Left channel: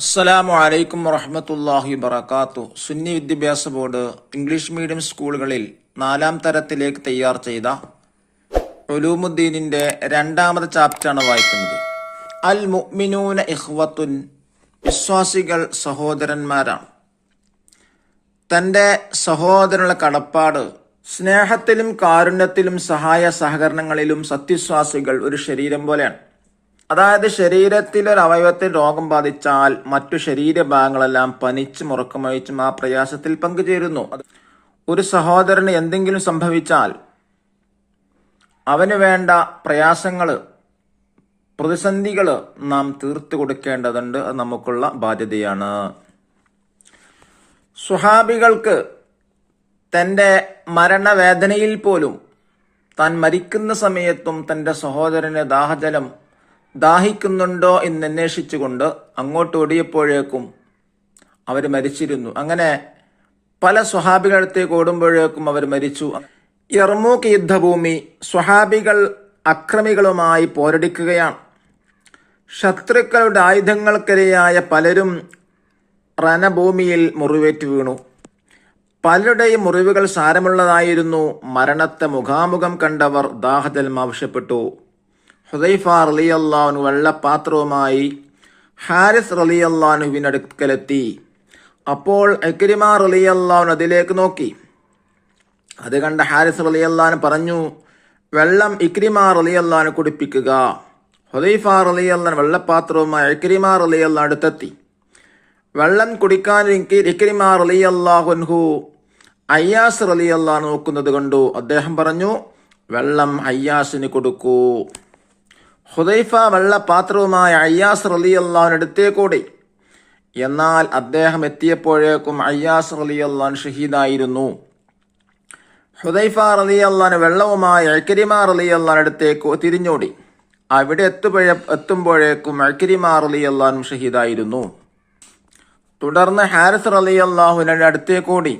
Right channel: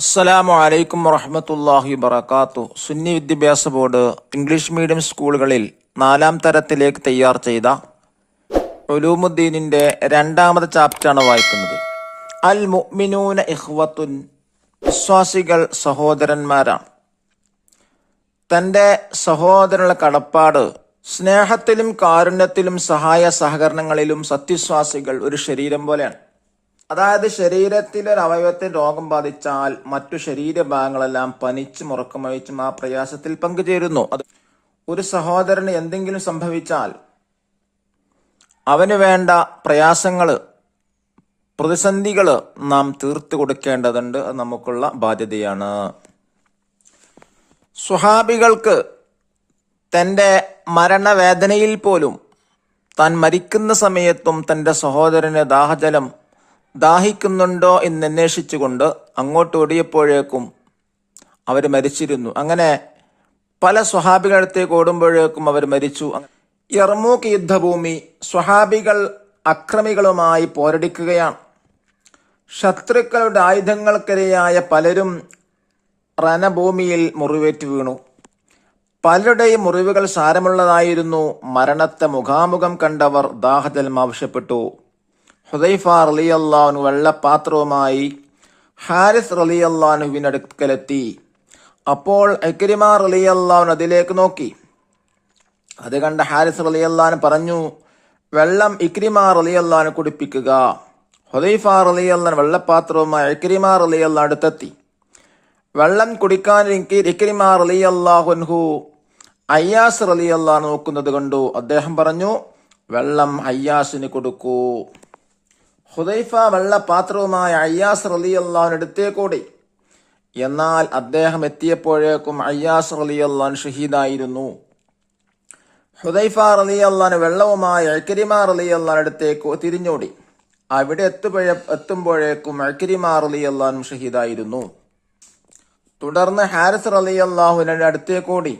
അസ്സലാമു അലൈക്കും വറഹ്മത്തുള്ളാഹി വബറകാതുഹു. സുന്നി വിദ്യാഭ്യാസ ബോർഡ് ഇംഗ്ലീഷ് മീഡിയം സ്കൂളുകളിൽ 4ാം തരത്തിലേക്ക് തയ്യാർ ചെയ്ത ഉലൂമുദ്ദീനിന്റെ 2ാമത്തെ ചാപ്റ്ററാണ് വായിക്കുന്നത്. അൽ മുഅ്മിനൂന ഇഖ്വത്തുൻ, വിശ്വാസികൾ സഹോദരന്മാരാണ്. തന്റെ സഹോദരനുള്ള കടപ്പാട്, സ്നേഹത്തിലും കാരുണ്യത്തിലും സഹായ സഹകരണങ്ങളിലും സത്യവിശ്വാസികൾ ഒരു ശരീരം പോലെയാണ്. അതായത് ശരീരത്തിൽ ഒരു അവയവത്തിൽ രോഗം ബാധിച്ചാൽ മറ്റു ശരീരഭാഗങ്ങളെല്ലാം പനിച്ചും ഉറക്കമൊഴിച്ചും ആ പ്രയാസത്തിൽ പങ്കുചേരുന്നു. ഒരു സഹോദരന് എന്തെങ്കിലും സംഭവിച്ചാൽ അവന് വേണ്ട പ്രയാസങ്ങള്, പ്രതിസന്ധികള് നാം തീർത്തു കൊടുക്കേണ്ടതുണ്ട്. അത് നമുക്കുള്ള ബാധ്യതയാണ്. സ്വഹാബികൾക്ക് തന്റെ മരണവേദനയിൽ പോലും താൻ മരിക്കുന്ന സമയത്തും തന്റെ സഹോദരന് ദാഹിക്കുന്നുണ്ടോ എന്ന് അന്വേഷിച്ചുകൊണ്ട് അങ്ങോട്ട് ഓടിയപ്പോഴേക്കും അവർ മരിച്ചിരുന്നു. അങ്ങനെ പല സ്വഹാബികളടുത്തേക്ക് ഓടുമ്പോഴേക്കും അവർ മരിച്ചു. യർമൂക്ക് യുദ്ധഭൂമി, സ്വഹാബികൾ അക്രമികളുമായി പോരടിക്കുകയാണ്. ശത്രുക്കളുടെ ആയുധങ്ങൾക്കിരയായ പലരും രണഭൂമിയിൽ മുറിവേറ്റ് വീണു. പലരുടെയും മുറിവുകൾ സാരമുള്ളതായിരുന്നു. മരണത്തെ മുഖാമുഖം കണ്ടവർ ദാഹജലം ആവശ്യപ്പെട്ടു. ഹുദൈഫ റളിയല്ലാഹു വെള്ളപാത്രവുമായി ഹാരിസ് റളിയല്ലാഹുവിന്റെ അടുക്കലെത്തി. അപ്പോൾ ഇക്രിമ റളിയല്ലാഹു അതിലേക്ക് നോക്കി. അത് കണ്ട ഹാരിസ് റളിയല്ലാഹു പറഞ്ഞു, വെള്ളം ഇക്രിമ റളിയല്ലാഹു കുടിപ്പിക്കുക. ഹുദൈഫ റളിയല്ലാഹു വെള്ളപാത്രവുമായി ഇക്രിമ റളിയല്ലാഹു അടുത്തെത്തി. വെള്ളം കുടിക്കാൻ ഇക്രിമ റളിയല്ലാഹു അയ്യാസ് റളിയല്ലാഹു നോക്കുന്നത് കണ്ടു. അദ്ദേഹം പറഞ്ഞു, വെള്ളം അയ്യാസിന് കൊടുക്കൂ. ഹുദൈഫ വെള്ളപാത്രവുമായി അയ്യാസ് റളിയല്ലാഹു അടുത്തേക്കോടി. എന്നാൽ അദ്ദേഹം എത്തിയപ്പോഴേക്കും അയ്യാസ് റളിയല്ലാഹു ഷഹീദായിരുന്നു. ഹുദൈഫ റളിയല്ലാഹു വെള്ളവുമായി ഇക്രിമ റളിയല്ലാഹു അടുത്തേക്ക് തിരിഞ്ഞോടി. അവിടെ എത്തുമ്പോഴേക്കും ഇക്രിമ റളിയല്ലാഹു ഷഹീദായിരുന്നു. തുടർന്ന് ഹാരിസ് റളിയല്ലാഹുവിന്റെ അടുത്തേക്കോടി.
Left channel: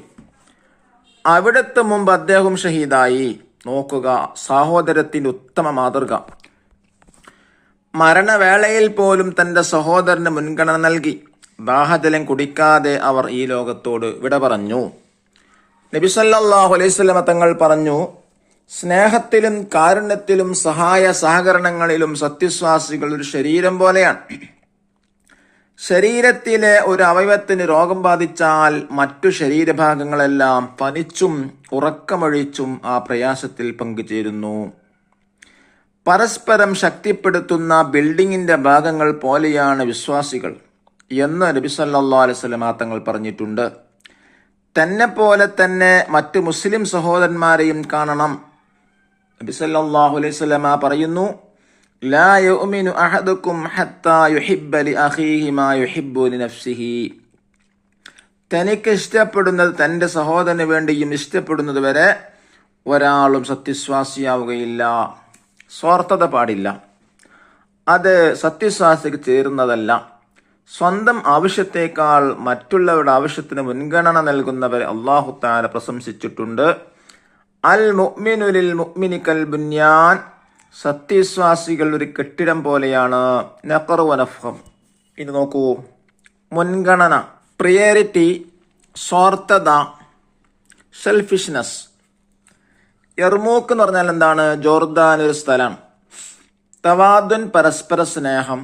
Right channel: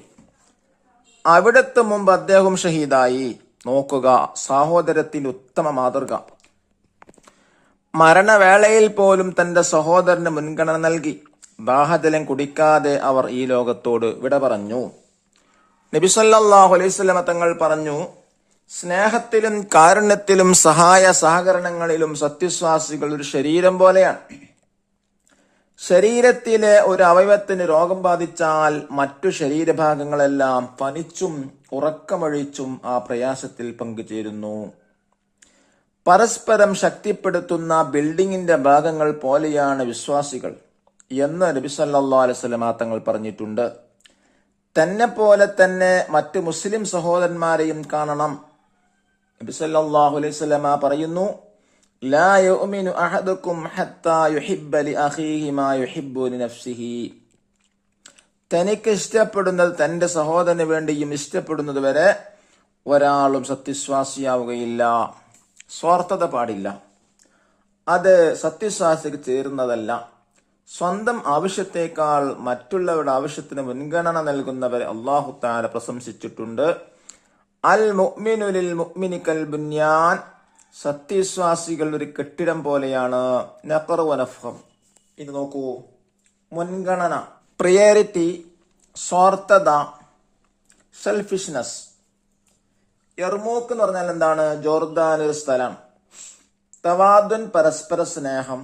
അവിടെത്തും മുമ്പ് അദ്ദേഹം ഷഹീദായി. നോക്കുക, സഹോദരത്തിന് ഉത്തമ മാതൃക. മരണവേളയിൽ പോലും തന്റെ സഹോദരന് മുൻഗണന നൽകി. ദാഹജലം കുടിക്കാതെ അവർ ഈ ലോകത്തോട് വിട പറഞ്ഞു. നബി സല്ലല്ലാഹു അലൈഹി വസല്ലം തങ്ങൾ പറഞ്ഞു, സ്നേഹത്തിലും കാരുണ്യത്തിലും സഹായ സഹകരണങ്ങളിലും സത്യവിശ്വാസികൾ ഒരു ശരീരം പോലെയാണ്. ശരീരത്തിലെ ഒരു അവയവത്തിന് രോഗം ബാധിച്ചാൽ മറ്റു ശരീരഭാഗങ്ങളെല്ലാം പനിച്ചും ഉറക്കമൊഴിച്ചും ആ പ്രയാസത്തിൽ പങ്കുചേരുന്നു. പരസ്പരം ശക്തിപ്പെടുത്തുന്ന ബിൽഡിങ്ങിന്റെ ഭാഗങ്ങൾ പോലെയാണ് വിശ്വാസികൾ എന്ന് നബി സല്ലല്ലാഹു അലൈഹി വസല്ലം തങ്ങൾ പറഞ്ഞിട്ടുണ്ട്. തന്നെ പോലെ തന്നെ മറ്റു മുസ്ലിം സഹോദരന്മാരെയും കാണണം. നബി സല്ലല്ലാഹു അലൈഹി വസല്ലം പറയുന്നു, ലാ യുഅ്മിനു അഹദുക്കും ഹത്താ യുഹിബ്ബ ലിഅഖീഹി മാ യുഹിബ്ബു ലിനഫ്സിഹി. തനിക്ക് ഇഷ്ടപ്പെടുന്നത് തന്റെ സഹോദരന് വേണ്ടിയും ഇഷ്ടപ്പെടുന്നത് വരെ ഒരാളും സത്യവിശ്വാസിയാവുകയില്ല. സ്വാർത്ഥത പാടില്ല. അത് സത്യവിശ്വാസിക്ക് ചേരുന്നതല്ല. സ്വന്തം ആവശ്യത്തേക്കാൾ മറ്റുള്ളവരുടെ ആവശ്യത്തിന് മുൻഗണന നൽകുന്നവരെ അല്ലാഹു തആല പ്രശംസിച്ചിട്ടുണ്ട്. അൽ മുഅ്മിനു ലിൽ മുഅ്മിനി കൽ ബുന്യാൻ, സത്യവിശ്വാസികൾ ഒരു കെട്ടിടം പോലെയാണ്. നഖറു വനഫം. ഇത് നോക്കൂ, മുൻഗണന, പ്രിയോറിറ്റി, സ്വാർത്ഥത, സെൽഫിഷ്നെസ്. യർമൂക്ക് എന്ന് പറഞ്ഞാൽ എന്താണ്? ജോർദാൻ ഒരു സ്ഥലമാണ്. തവാദുൻ പരസ്പര സ്നേഹം,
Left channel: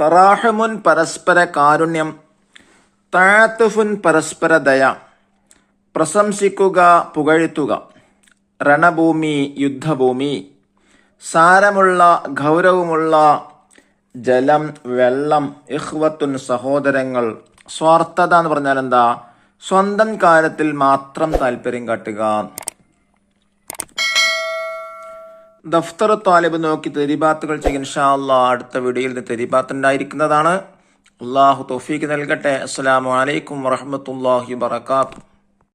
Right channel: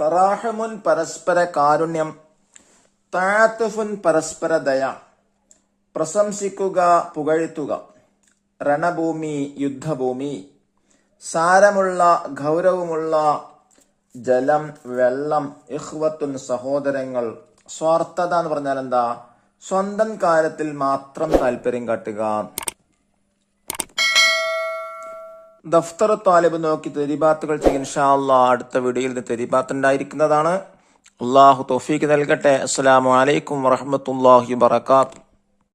തറാഹമുൻ പരസ്പര കാരുണ്യം, തഅത്തുഫുൻ പരസ്പര ദയ, പ്രശംസിക്കുക, പുകഴ്ത്തുക. രണഭൂമി, യുദ്ധഭൂമി, സാരമുള്ള ഗൗരവമുള്ള ജലം, വെള്ളം. ഇഖ്വത്തുൻ സഹോദരങ്ങൾ. സ്വാർത്ഥത എന്ന് പറഞ്ഞാൽ എന്താ? സ്വന്തം കാര്യത്തിൽ മാത്രം താല്പര്യം കാട്ടുക. ദഫ്തർ താലിബ് നോക്കി തെരീബാത്തുകൾ ചെയ്യും. ഇൻഷാ അല്ലാഹ് അടുത്ത വീഡിയോയിൽ തെരീബാത്ത് ഉണ്ടായിരിക്കുന്നതാണ്. അല്ലാഹു തൗഫീഖ് നൽകട്ടെ. അസ്സലാമു അലൈക്കും വറഹ്മത്തുള്ളാഹി വബറകാതുഹു.